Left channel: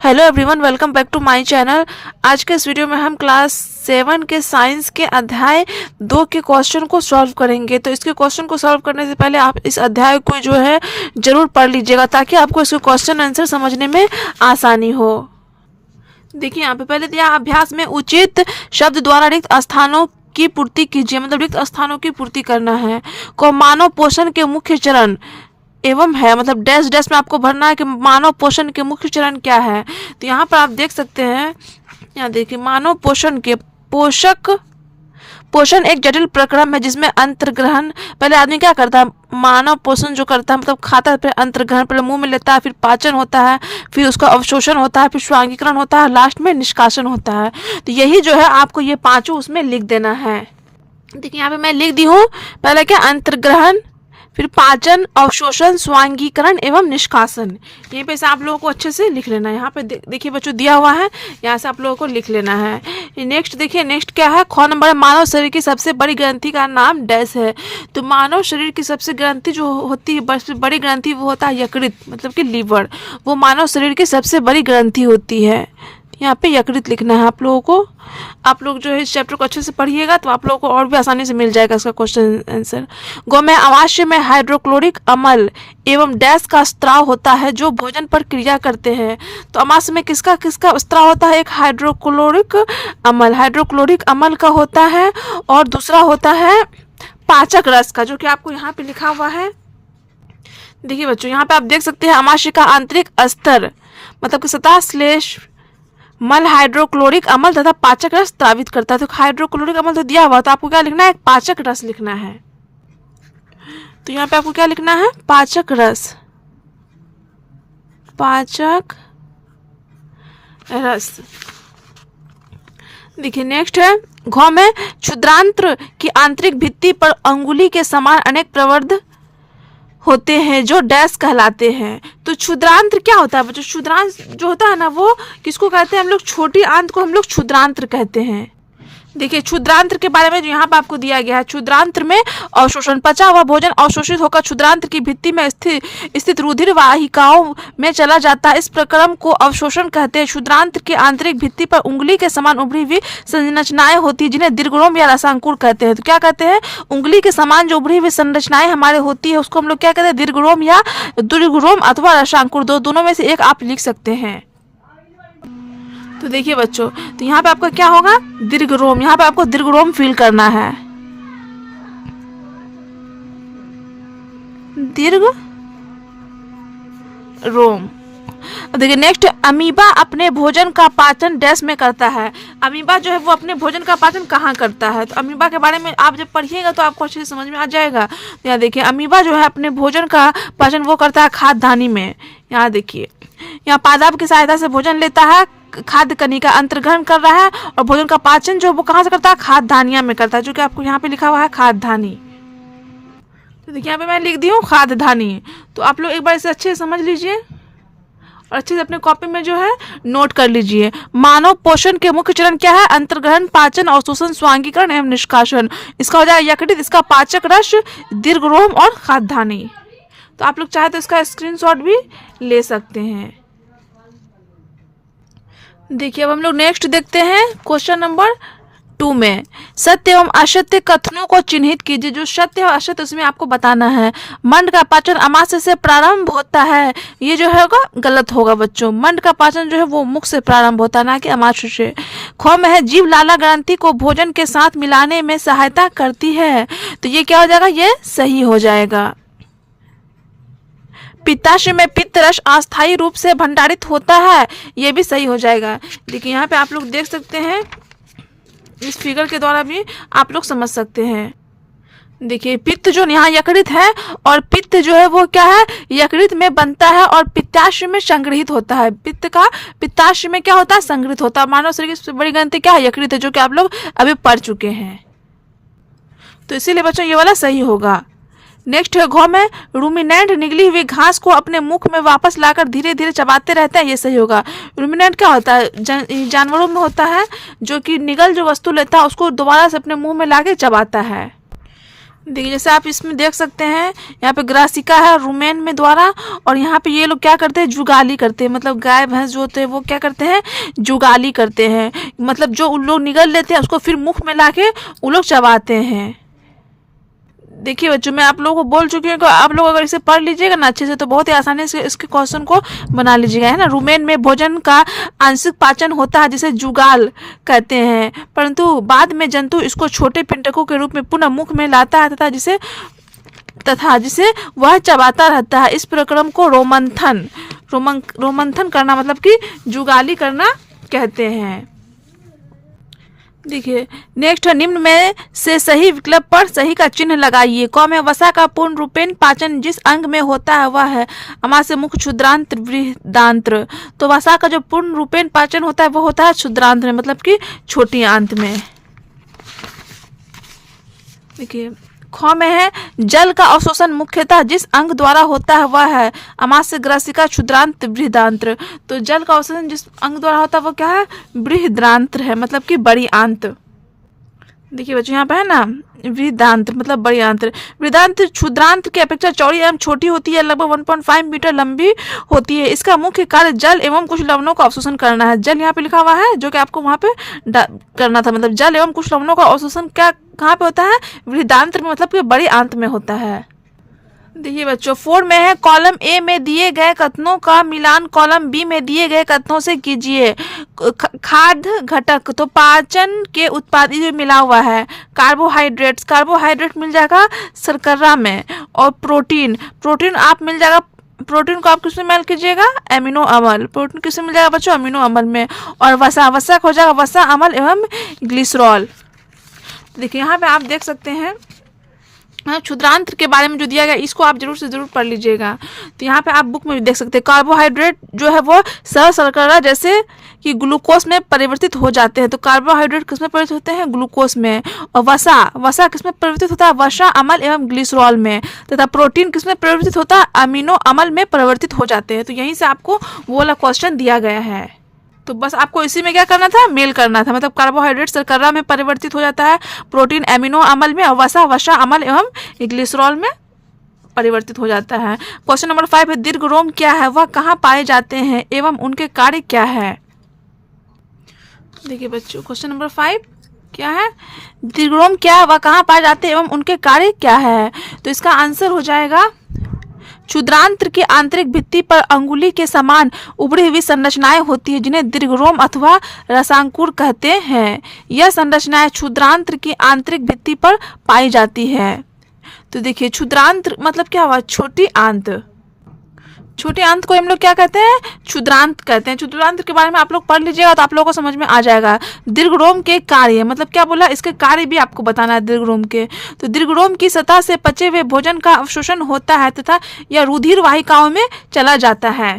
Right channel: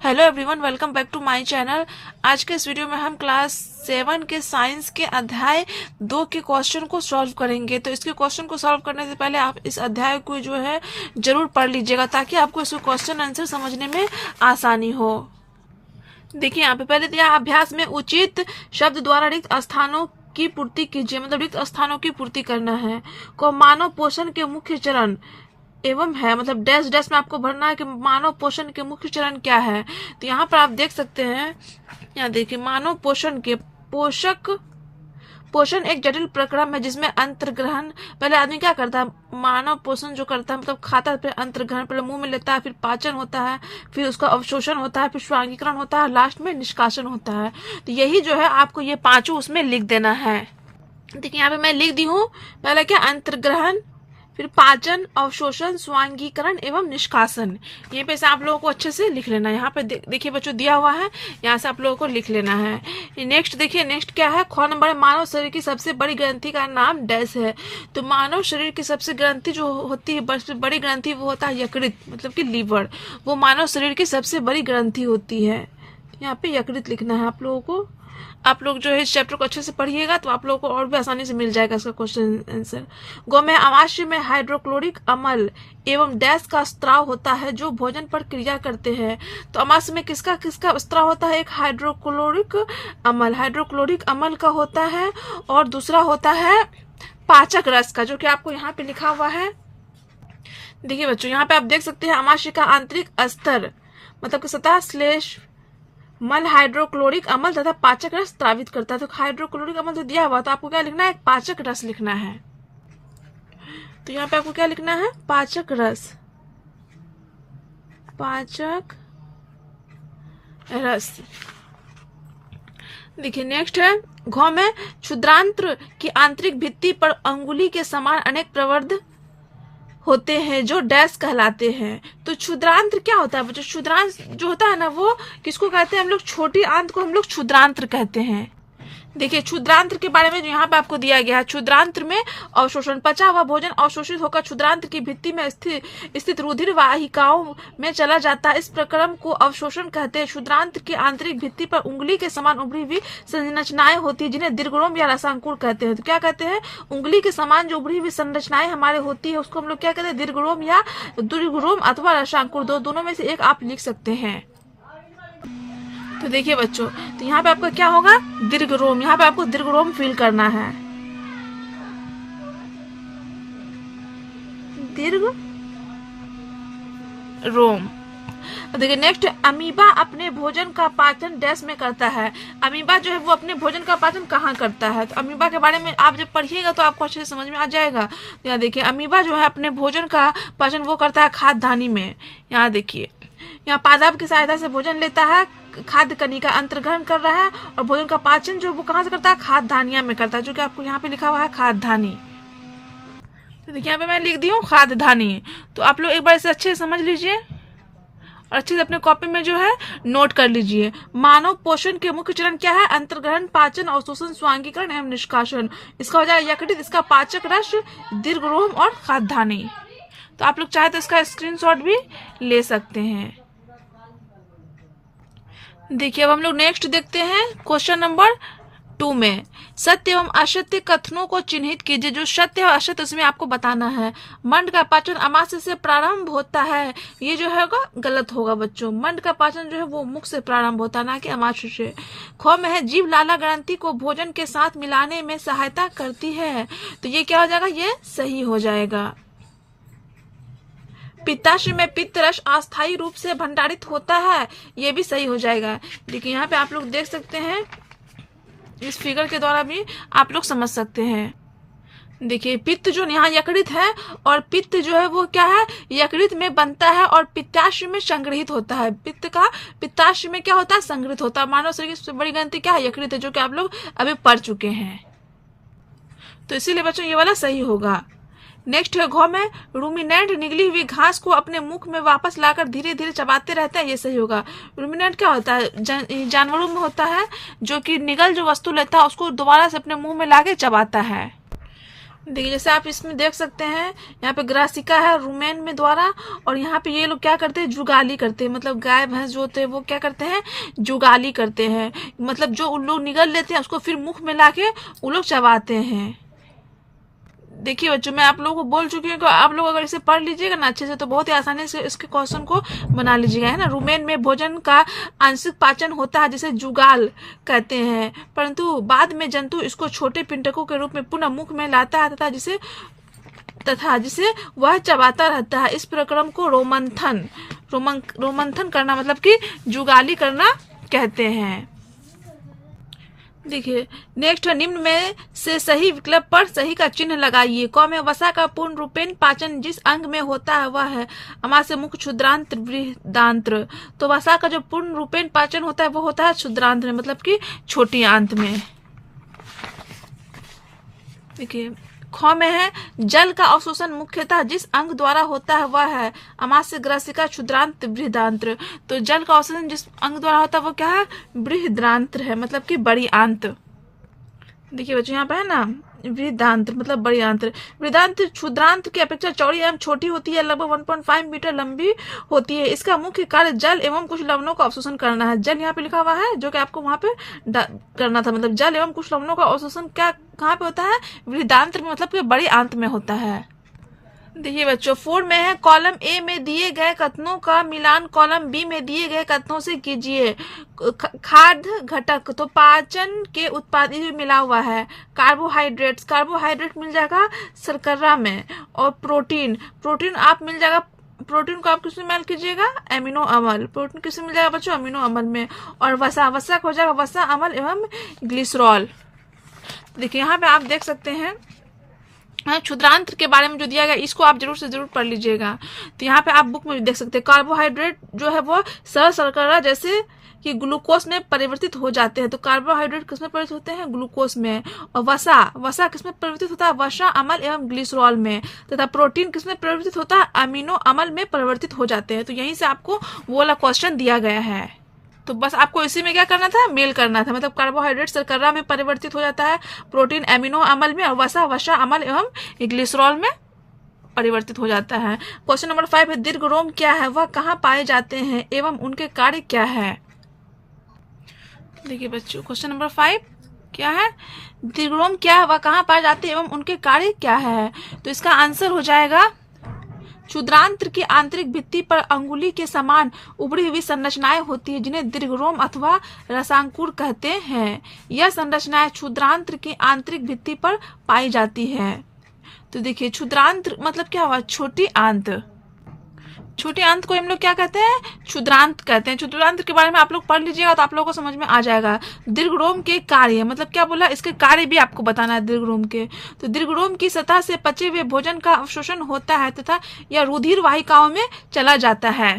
Hello everyone, welcome back to my channel. आज के इस वीडियो में हम क्लास 7 के साइंस के अध्याय 2 के क्वेश्चन को सॉल्व करेंगे। तो इसके क्वेश्चन को सॉल्व करने से पहले आप इस अध्याय को जो है जरूर पढ़ लीजिएगा, ताकि आपको इसके क्वेश्चन आंसर समझने में आसानी हो। देखिए यहाँ पे पहले दिया, अभ्यास में उचित शब्द द्वारा रिक्त स्थानों की पूर्ति कीजिए। मतलब रिक्त स्थानों की पूर्ति करना है। को मानव पोषण के मुख्य चरण एवं है, मतलब डैश डैश में आपको भरना है कि मानव पोषण के मुख्य चरण क्या है। तो यहाँ पर आप देख सकते हैं, यहाँ देखिए, मानव पोषण के पोषण एक जटिल प्रक्रम है जिसमें अंतर्ग्रहण, पहले आदमी क्या करता है, मानव पोषण जो करता है मतलब खाता है, फिर अंतर्ग्रहण पहले मुंह में लेता है, फिर पाचन होता है, फिर उसका अवशोषण होता है, फिर स्वांगीकरण होता है, लास्ट में निष्कासन होता है। तो यही जो है आपको ये पांचों उसमें लिख देना है। देखिए यहाँ पे मैं लिख दी हूँ, पहले क्या, अंतर्ग्रहण, फिर पाचन, अवशोषण, स्वांगीकरण एवं निष्कासन। यहीं पे से आप लोगों को अच्छे से लिख लेना है। यहाँ पे देखिए बच्चों दिया हुआ है, यहाँ से आप लोगों को लिख लेना है। नेक्स्ट देखिए, नेक्स्ट क्या है, ख नंबर, मानव शरीर की सबसे बड़ी ग्रंथि का नाम डैश है। तो मानव शरीर की सबसे ग्रंथि जो होती है, बड़ी ग्रंथि, वो होता है यकृत, मतलब कि लीवर। वो मानव शरीर की सबसे बड़ी ग्रंथि होती है। यहाँ पे यकृत लिखना है आप लोगों को। आप लोग जो है इस चैप्टर को अच्छे से पढ़िएगा तो आप लोगों को और भी आसानी से मिल जाएगा इसका क्वेश्चन आंसर। गौ में अमाशय में हाइड्रोक्लोरिक अम्ल एवं डैश का स्त्राव होता है जो भोजन पर क्रिया करते हैं। तो अमाशय में किसका किसका स्त्राव होता है, एक हाइड्रोक्लोरिक अम्ल का होता है, और दूसरा होता है पाचक रस का, जो कि आपको यहाँ पे लिखा हुआ है। देखिए बच्चों, यहाँ पे आप देख सकते हैं, अमाशय का आंतरिक स्तर मतलब कि सतह श्लेष मल हाइड्रोक्लोरिक अम्ल तथा पाचक रस स्रावित करता है। तो हाइड्रोक्लोरिक अम्ल तो दिया हुआ, तो आपको क्या लिखना है, पाचक रस लिखना है। तो यहाँ पे आपको क्या लिखना है, पाचक रस, पाचक रस। देखिए नेक्स्ट है, घ में क्षुद्रांत्र की आंतरिक भित्ति पर अंगुली के समान अनेक प्रवर्ध होते हैं जो डैश कहलाते हैं। तो क्षुद्रांत्र क्या होता है बच्चों, क्षुद्रांत्र जो होता है ना, वो किसको कहते हैं हम लोग, छोटी आंत को हम लोग क्षुद्रांत्र कहते हैं। देखिए क्षुद्रांत्र के बारे में जो यहाँ पे आपको दिया गया है, क्षुद्रांत्र में अवशोषण, पचा हुआ भोजन अवशोषित होकर क्षुद्रांत्र की भित्ति में स्थित रुधिर वाहिकाओं में चला जाता है। इस प्रक्रम को अवशोषण कहते हैं। क्षुद्रांत्र की आंतरिक भित्ति पर उंगली के समान उभरी हुई संरचनाएं होती है जिन्हें दीर्घरोम या रसांकुर कहते हैं। तो क्या कहते हैं, उंगली के समान जो उभरी हुई संरचनाएं हमारे होती है उसको हम लोग क्या कहते हैं, दीर्घरोम या दीर्घरोम अथवा रसांकुर, दोनों में से एक आप लिख सकते हैं। तो देखिए बच्चों, तो यहाँ पे आपका क्या होगा, दीर्घरोम, यहाँ पे आपको दीर्घरोम फील करना है, दीर्घ रोम। देखिए नेक्स्ट, अमीबा अपने भोजन का पाचन डैश में करता है। अमीबा जो है वो अपने भोजन का पाचन कहाँ करता है। तो अमीबा के बारे में आप जब पढ़िएगा तो आपको अच्छे से समझ में आ जाएगा। तो यहाँ देखिए, अमीबा जो है अपने भोजन का पाचन वो करता है खाद्य धानी में। यहाँ देखिए, यहाँ पादप की सहायता से भोजन लेता है, खाद्य कणिका अंतर्ग्रहण कर रहा है, और भोजन का पाचन जो वो कहाँ से करता है, खाद्य धानिया में करता है, जो कि आपको यहाँ पे लिखा हुआ है खाद्य धानी। तो देखिए यहाँ पे मैं लिख दी हूँ खाद्य धानी। तो आप लोग एक बार इसे अच्छे से समझ लीजिए और अच्छे से अपने कॉपी में जो है नोट कर लीजिए। मानव पोषण के मुख्य चरण क्या है, अंतर्ग्रहण, पाचन, अवशोषण, स्वांगीकरण एवं निष्कासन। इसका हो जाएगा यकृत, इसका पाचक रस, दीर्घरोम और खाद्य धानी। तो आप लोग चाहे तो इसका स्क्रीनशॉट भी ले सकते हैं। देखिए अब हम लोग नेक्स्ट देखते हैं क्वेश्चन नंबर 2 में, सत्य एवं असत्य कथनों को चिन्हित कीजिए। जो सत्य और असत्य उसमें आपको बताना है। मंड का पाचन अमाशय से प्रारंभ होता है, ये जो है गलत होगा बच्चों। मंड का पाचन जो है वो मुख से प्रारंभ होता है, ना कि अमाशय से। ख में है, जीव लाला ग्रंथि को भोजन के साथ मिलाने में सहायता करती है। तो ये क्या हो जाएगा, ये सही हो जाएगा। पित्ताशय में पित्त रस अस्थायी रूप से भंडारित होता है, ये भी सही हो जाएगा। देखिए यहाँ पे आप लोग देख सकते हैं, इस फिगर के द्वारा भी आप लोग समझ सकते हैं। देखिए पित्त जो यहाँ यकृत है, और पित्त जो है वो क्या है, यकृत में बनता है और पित्ताशय में संग्रहित होता है। पित्त का पित्ताशय में क्या होता है, संग्रहित होता है। मानव शरीर की सबसे बड़ी ग्रंथि क्या है, यकृत है, जो कि आप लोग अभी पढ़ चुके हैं। तो इसीलिए बच्चों ये वाला सही होगा। नेक्स्ट है, घ में रूमिनेंट निगली हुई घास को अपने मुख में वापस लाकर धीरे धीरे चबाते रहता है, ये सही होगा। रूमिनेंट क्या होता है, जानवरों में होता है, जो कि निगल जो वस्तु लेता है उसको दोबारा से अपने मुंह में लाके चबाता है। देखिए जैसे आप इसमें देख सकते हैं, यहाँ पे ग्रासिका है रुमेन में द्वारा, और यहाँ पे ये लोग क्या करते हैं, जुगाली करते हैं, मतलब गाय भैंस जो होते हैं वो क्या करते हैं, जुगाली करते हैं, मतलब जो उन लोग निगल लेते हैं उसको फिर मुख में लाके वो लोग चबाते हैं। देखिए बच्चों, मैं आप लोगों को बोल चुकी हूँ कि आप लोग अगर इसे पढ़ लीजिएगा ना अच्छे से तो बहुत ही आसानी से इसके क्वेश्चन को बना लीजिएगा, है ना। रुमेन में भोजन का आंशिक पाचन होता है जिसे जुगाल कहते हैं, परंतु बाद में जंतु इसको छोटे पिंडकों के रूप में पुनः मुख में लाता है तथा जिसे वह चबाता रहता है। इस प्रक्रम को रोमंथन करना मतलब कि जुगाली करना कहते हैं। देखिए नेक्स्ट है, निम्न में से सही विकल्प पर सही का चिन्ह लगाइए। क में वसा का पूर्ण रूपेण पाचन जिस अंग में होता है वह है अमा से मुख क्षुद्रांत्र बृहदांत्र। तो वसा का जो पूर्ण रूपेण पाचन होता है वो होता है क्षुद्रांत्र में, मतलब कि छोटी आंत में। देखिए ख में है, जल का अवशोषण मुख्यतः जिस अंग द्वारा होता है वह है अमास्य ग्रासिका क्षुद्रांत बृहदांत्र। तो जल का अवशोषण जिस अंग द्वारा होता है वो क्या है, बृहदांत्र है, मतलब कि बड़ी आंत। देखिए बच्चों यहाँ पे है ना, बृहदांत्र मतलब बड़ी आंत्र। बृहदांत्र क्षुद्रांत्र की अपेक्षा चौड़ी एवं छोटी होती है, लगभग 1.5 मीटर लंबी होती है। इसका मुख्य कार्य जल एवं कुछ लवणों का अवशोषण करना है। जल यहाँ पे लिखा हुआ है जो कि आपको वहां पे करना था, मतलब जल एवं कुछ लवणों का अवशोषण क्या कहाँ पे होता है, बृहदांत्र में, मतलब कि बड़ी आंत में होता है। देखिए बच्चों 4 में है, कॉलम ए में दिए गए कथनों का मिलान कॉलम बी में दिए गए कथनों से कीजिए। खाद्य घटक, तो पाचन के उत्पाद जो मिला हुआ है, कार्बोहाइड्रेट मिल जाएगा शर्करा में, और प्रोटीन आप मिल जाएगा, प्रोटीन को आप किसमें मेल कीजिएगा, एमिनो अम्ल। प्रोटीन किसमें मिल जाएगा बच्चों, अमीनो अम्ल में। और वसा हो जाएगा वसा अम्ल एवं ग्लिसरॉल। देखिए यहाँ पे आप देख सकते हैं क्षुद्रांत्र के बारे में जो दिया गया इसको आप जरूर से जरूर पढ़ लीजिएगा। तो यहाँ पे आप बुक में भी देख सकते हैं, कार्बोहाइड्रेट जो है वो सरल शर्करा जैसे कि ग्लूकोज में परिवर्तित हो जाते हैं। तो कार्बोहाइड्रेट किसमें परिवर्तित होते हैं, ग्लूकोज में। और वसा किसमें परिवर्तित होता है, वसा अम्ल एवं ग्लिसरॉल में। तथा प्रोटीन किसमें परिवर्तित होता है, अमीनो अम्ल में परिवर्तित हो जाते हैं। तो यहीं से आपको वो वाला क्वेश्चन दिया गया है। तो बस आपको इसी में क्या करना था, मेल करना था, मतलब कार्बोहाइड्रेट शर्करा में परिवर्तित हो जाता है, प्रोटीन एमिनो अम्ल में, और वसा अम्ल एवं ग्लिसरॉल में परिवर्तित हो जाता है। क्वेश्चन नंबर 5 है, दीर्घरोम क्या है, वह कहाँ पाए जाते हैं एवं उनके कार्य क्या है। देखिए बच्चों क्वेश्चन नंबर 5 क्या है, दीर्घरोम क्या है, वह कहाँ पाए जाते हैं एवं उनके कार्य क्या है। तो इसका आंसर हो जाएगा, क्षुद्रांत्र की आंतरिक भित्ति पर अंगुली के समान उभरी हुई संरचनाएं होती है जिन्हें दीर्घरोम अथवा रसांकुर कहते हैं। यह संरचनाएं क्षुद्रांत्र की आंतरिक भित्ति पर पाई जाती है। तो देखिए क्षुद्रांत्र मतलब क्या हुआ, छोटी आंत। छोटी आंत को हम लोग क्या कहते हैं, क्षुद्रांत कहते हैं। क्षुद्रांत के बारे में आप लोग पढ़ लीजिएगा तो आप लोगों को समझ में आ जाएगा। दीर्घरोम के कार्य मतलब क्या बोला, इसके कार्य भी आपको बताना है दीर्घरोम के। तो दीर्घरोम की सतह से पचे हुए भोजन का अवशोषण होता है तथा यह रुधिर वाहिकाओं में चला जाता है।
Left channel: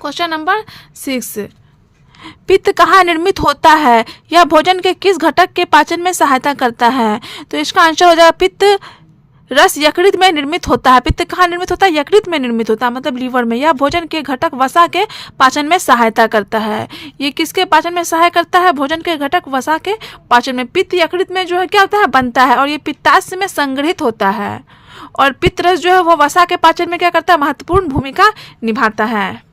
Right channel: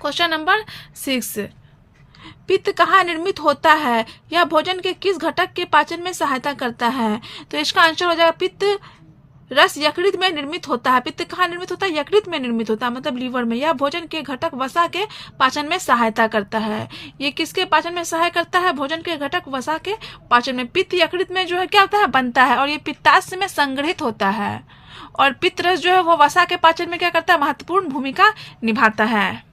क्वेश्चन नंबर 6, पित्त कहाँ निर्मित होता है, यह भोजन के किस घटक के पाचन में सहायता करता है। तो इसका आंसर हो जाएगा, पित्त रस यकृत में निर्मित होता है। पित्त कहाँ निर्मित होता है, यकृत में निर्मित होता है, मतलब लीवर में। यह भोजन के घटक वसा के पाचन में सहायता करता है। ये किसके पाचन में सहायता करता है, भोजन के घटक वसा के पाचन में। पित्त यकृत में जो है क्या होता है, बनता है, और ये पित्ताशय में संग्रहित होता है। और पित्त रस जो है वो वसा के पाचन में क्या करता है, महत्वपूर्ण भूमिका निभाता है।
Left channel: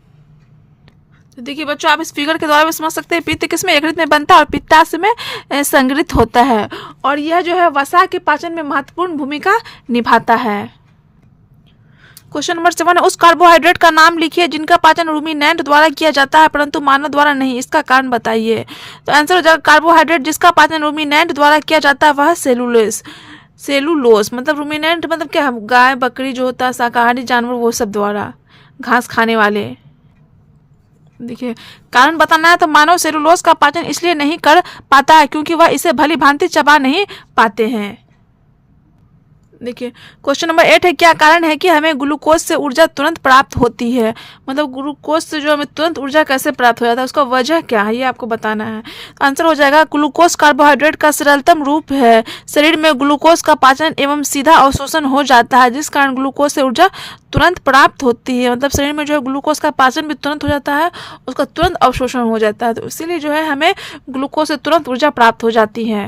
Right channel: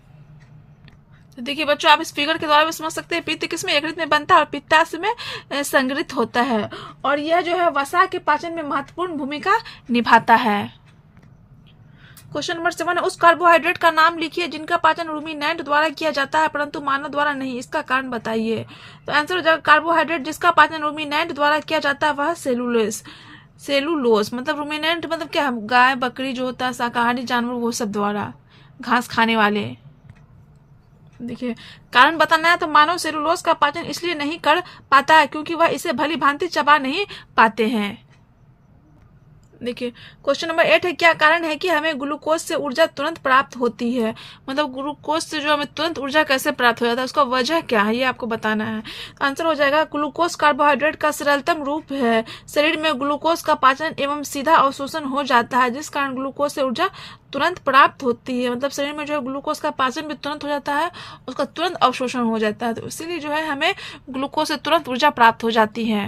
तो देखिए बच्चों आप इस फिगर के द्वारा भी समझ सकते हैं, पित्त किसमें, यकृत में बनता है और पित्ताशय में संग्रहित होता है, और यह जो है वसा के पाचन में महत्वपूर्ण भूमिका निभाता है। क्वेश्चन नंबर 7 है, उस कार्बोहाइड्रेट का नाम लिखिए जिनका पाचन रूमिनेंट द्वारा किया जाता है परंतु मानव द्वारा नहीं, इसका कारण बताइए। तो आंसर हो जाएगा, कार्बोहाइड्रेट जिसका पाचन रूमिनेंट द्वारा किया जाता है वह सेलुलोज, मतलब रूमिनेंट मतलब क्या, गाय बकरी जो होता है शाकाहारी जानवर वो सब द्वारा, घास खाने वाले। देखिए कारण बताना है, तो मानव सेलुलोज का पाचन इसलिए नहीं कर पाता है क्योंकि वह इसे भली भांति चबा नहीं पाते हैं। देखिए क्वेश्चन नंबर 8 है, क्या कारण है कि हमें ग्लूकोज से ऊर्जा तुरंत प्राप्त होती है, मतलब ग्लूकोज से जो हमें तुरंत ऊर्जा कैसे प्राप्त हो जाता है, उसका वजह क्या है, ये आपको बताना है। आंसर हो जाएगा, ग्लूकोज कार्बोहाइड्रेट का सरलतम रूप है। शरीर में ग्लूकोज का पाचन एवं सीधा अवशोषण हो जाता है जिस कारण ग्लूकोज से ऊर्जा तुरंत प्राप्त होती है। मतलब शरीर में जो है ग्लूकोज का पाचन भी तुरंत हो जाता है, उसका तुरंत अवशोषण हो जाता है, तो इसीलिए जो है हमें ग्लूकोज से तुरंत ऊर्जा प्राप्त हो जाती है।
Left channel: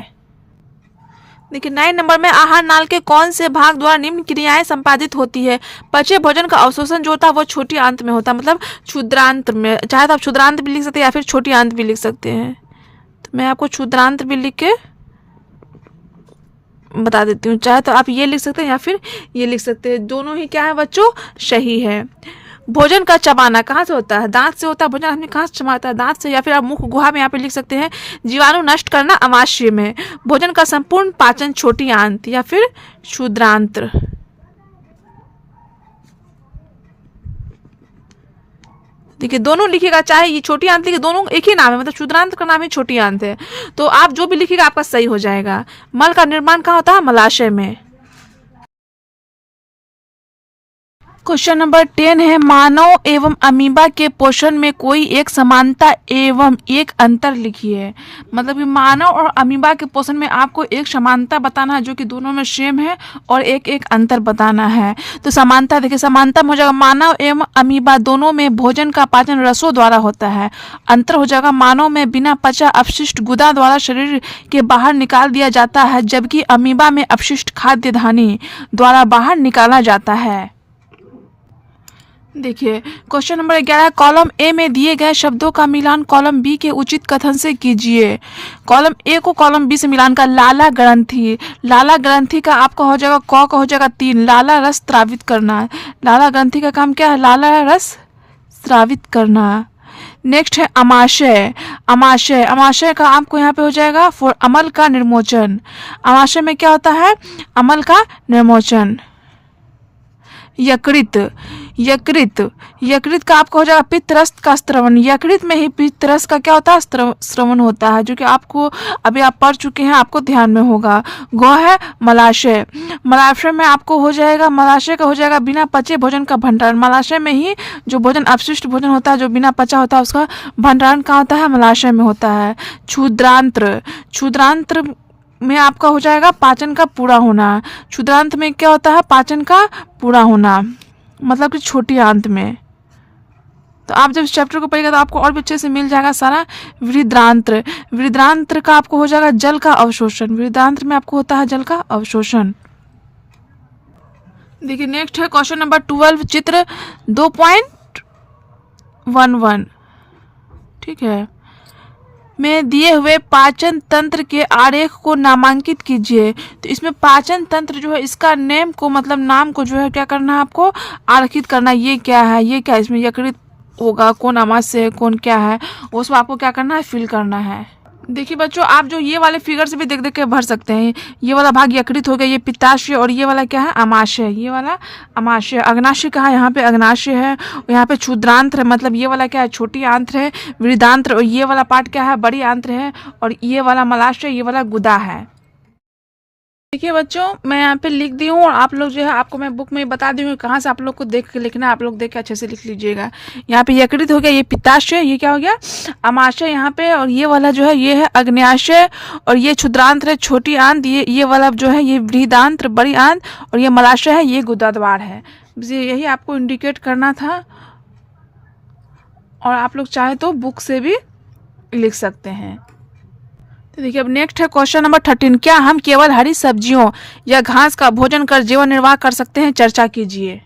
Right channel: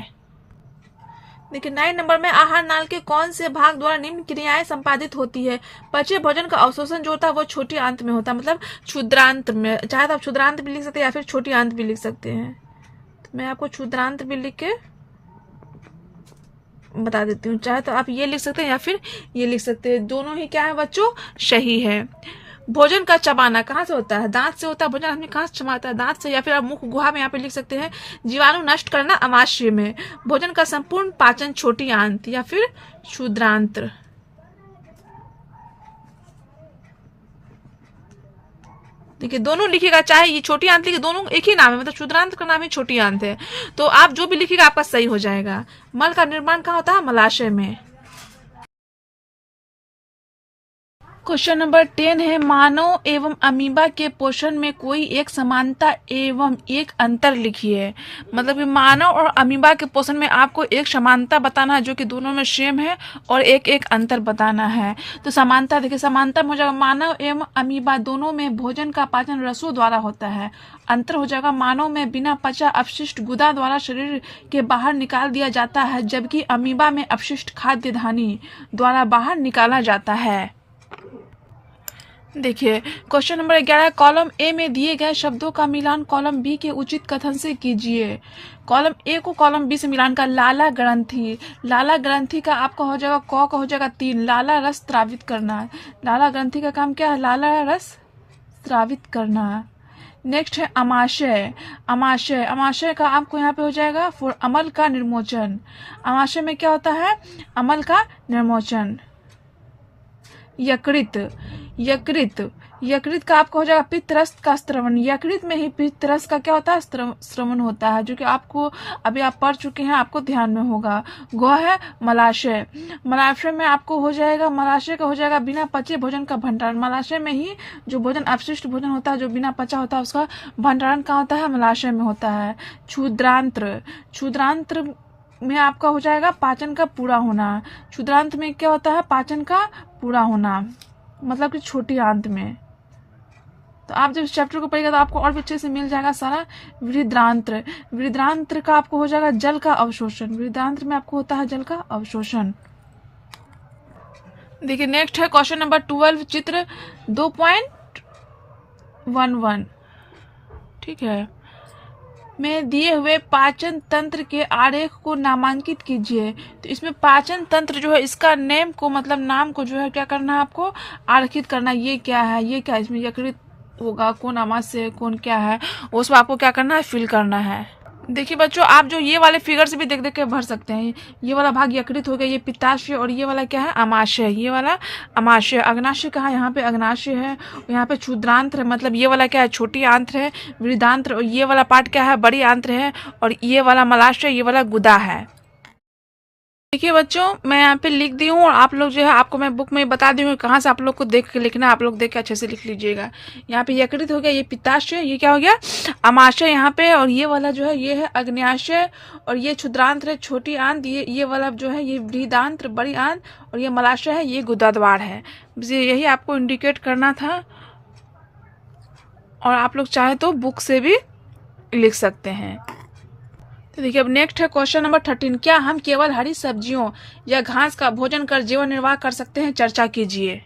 देखिए 9 नंबर में आहार नाल के कौन से भाग द्वारा निम्न क्रियाएं संपादित होती है। पचे भोजन का अवशोषण जो होता है वो छोटी आंत में होता है, मतलब क्षुद्रांत में। चाहे तो आप क्षुद्रांत भी लिख सकते हैं या फिर छोटी आंत भी लिख सकते हैं। तो मैं आपको क्षुद्रांत भी लिख के बता देती हूँ। चाहे तो आप ये लिख सकते हैं या फिर ये लिख सकते हैं, दोनों ही क्या है बच्चों, सही है। भोजन का चबाना कहाँ से होता है, दांत से होता है। भोजन आदमी कहाँ से चबाता है, दांत से, या फिर आप मुख गुहा में यहाँ पे लिख सकते हैं जीवाणु नष्ट करना अमाशय में। भोजन का संपूर्ण पाचन छोटी आंत या फिर क्षुद्रांत्र। देखिए दोनों लिखिएगा, चाहे ये छोटी आंत लिखिए, दोनों एक ही नाम है, मतलब क्षुद्रांत का नाम ही छोटी आंत है। तो आप जो भी लिखिएगा आपका सही हो जाएगा। मल का निर्माण कहाँ होता है, मलाशय में। क्वेश्चन नंबर 10 है, मानव एवं अमीबा के पोषण में कोई एक समानता एवं एक अंतर लिखिए। मतलब कि मानव और अमीबा के पोषण में आपको एक समानता बताना है जो कि दोनों में सेम है, और एक एक अंतर बताना है। तो समानता देखिए, समानता में हो जाएगा मानव एवं अमीबा दोनों में भोजन का पाचन रसों द्वारा होता है। अंतर हो जाएगा मानव में बिना पचा अपशिष्ट गुदा द्वारा शरीर के बाहर निकाल दिया जाता है, जबकि अमीबा में अपशिष्ट खाद्य धानी द्वारा बाहर निकाला जाता है। देखिए क्वेश्चन नंबर 11, कॉलम ए में दिए गए शब्दों का मिलान कॉलम बी के उचित कथन से कीजिए। कॉलम ए को कॉलम बी से मिलान का, लाला ग्रंथि। लाला ग्रंथि का आपका हो जाएगा क का हो जाएगा 3, लाला रस स्रावित करना। लाला ग्रंथि का काम क्या है, लाला रस स्रावित करना। नेक्स्ट है अमाशय। अमाशय, अमाशय का आपको यहाँ पे हो जाएगा फॉर अमल का निर्मोचन। अमाशय में क्या होता है, अमल का निर्मोचन। यकृत, यकृत, यकृत का आपका हो जाएगा पित्तरस का स्त्रवण। यकृत में ही पित्तरस का क्या होता है, स्रवण होता है, जो कि आपको अभी आप पढ़ चुके हैं, आपको ध्यान में होगा। गौ है मलाशय। मलाशय में आपको हो जाएगा, मलाशय का हो जाएगा बिना पचे भोजन का भंडारण। मलाशय में ही जो भोजन अपशिष्ट भोजन होता है जो बिना पचा होता है उसका भंडारण कहाँ होता है, मलाशय में होता है। क्षुद्रांत्र, क्षुद्रांत्र में आपका हो जाएगा पाचन का पूरा होना। क्षुद्रांत में क्या होता है, पाचन का पूरा होना, मतलब कि छोटी आंत में। तो आप जब इस चैप्टर को पढ़ेगा तो आपको और भी अच्छे से मिल जाएगा सारा। वृद्धांत्र, वृद्धांत्र का आपको हो जाएगा जल का अवशोषण। वृद्धांत्र में आपको होता है जल का अवशोषण। देखिए नेक्स्ट है क्वेश्चन नंबर 12, चित्र 2.11। ठीक है, में दिए हुए पाचन तंत्र के आरेख को नामांकित कीजिए। तो इसमें पाचन तंत्र जो है इसका नेम को, मतलब नाम को जो है क्या करना है आपको, आरेखित करना। ये क्या है, ये क्या, इसमें यकृत होगा, कौन अमाशय है, कौन क्या है, उसमें आपको क्या करना है, फिल करना है। देखिए बच्चों, आप जो ये वाले फिगर से भी देख देख के भर सकते हैं। ये वाला भाग यकृत हो गया, ये पित्ताशय, और ये वाला क्या है, अमाशय। ये वाला अमाशय। अग्नाशय कहाँ है, यहाँ पे अग्नाशय है, यहाँ पे क्षुद्रांत्र है, मतलब ये वाला क्या है, छोटी आंत्र है। वृद्धांत्र, और ये वाला पार्ट क्या है, बड़ी आंत्र है, और ये वाला मलाशय, ये वाला गुदा है। देखिए बच्चों, मैं यहाँ पे लिख दी हूँ, और आप लोग जो है आपको मैं बुक में बता दी हूँ कहाँ से आप लोग को देख के लिखना है। आप लोग देख के अच्छे से लिख लीजिएगा। यहाँ पे यकृत हो गया, ये पित्ताशय, ये क्या हो गया, अमाशय यहाँ पे, और ये वाला जो है ये है अग्न्याशय, और ये क्षुद्रांत्र है, छोटी आंत। ये वाला जो है ये वृद्धांत्र, बड़ी आंत, और ये मलाशय है, ये गुदाद्वार है। यही आपको इंडिकेट करना था, और आप लोग चाहे तो बुक से भी लिख सकते हैं। तो देखिए अब नेक्स्ट है क्वेश्चन नंबर 13, क्या हम केवल हरी सब्जियों या घास का भोजन कर जीवन निर्वाह कर सकते हैं, चर्चा कीजिए।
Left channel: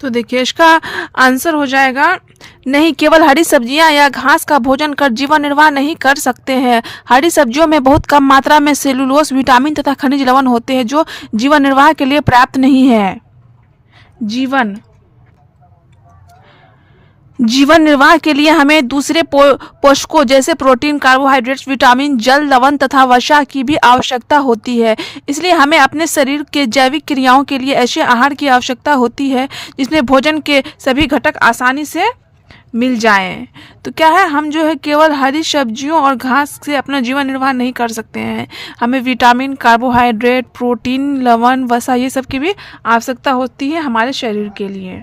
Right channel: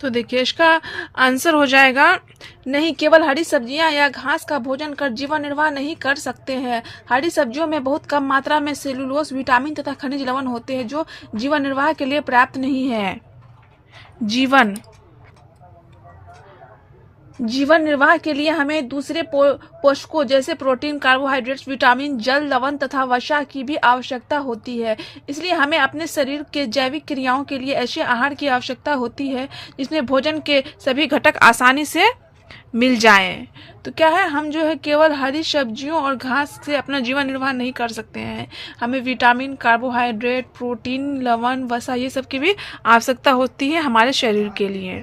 तो देखिए इसका आंसर हो जाएगा नहीं, केवल हरी सब्जियां या घास का भोजन कर जीवन निर्वाह नहीं कर सकते हैं। हरी सब्जियों में बहुत कम मात्रा में सेलुलोज, विटामिन तथा खनिज लवण होते हैं जो जीवन निर्वाह के लिए पर्याप्त नहीं है। जीवन निर्वाह के लिए हमें दूसरे पोषकों जैसे प्रोटीन, कार्बोहाइड्रेट्स, विटामिन, जल, लवण तथा वसा की भी आवश्यकता होती है। इसलिए हमें अपने शरीर के जैविक क्रियाओं के लिए ऐसे आहार की आवश्यकता होती है जिसमें भोजन के सभी घटक आसानी से मिल जाएं। तो क्या है, हम जो है केवल हरी सब्जियों और घास से अपना जीवन निर्वाह नहीं कर सकते हैं। हमें विटामिन, कार्बोहाइड्रेट, प्रोटीन, लवण, वसा ये सब की भी आवश्यकता होती है हमारे शरीर के लिए।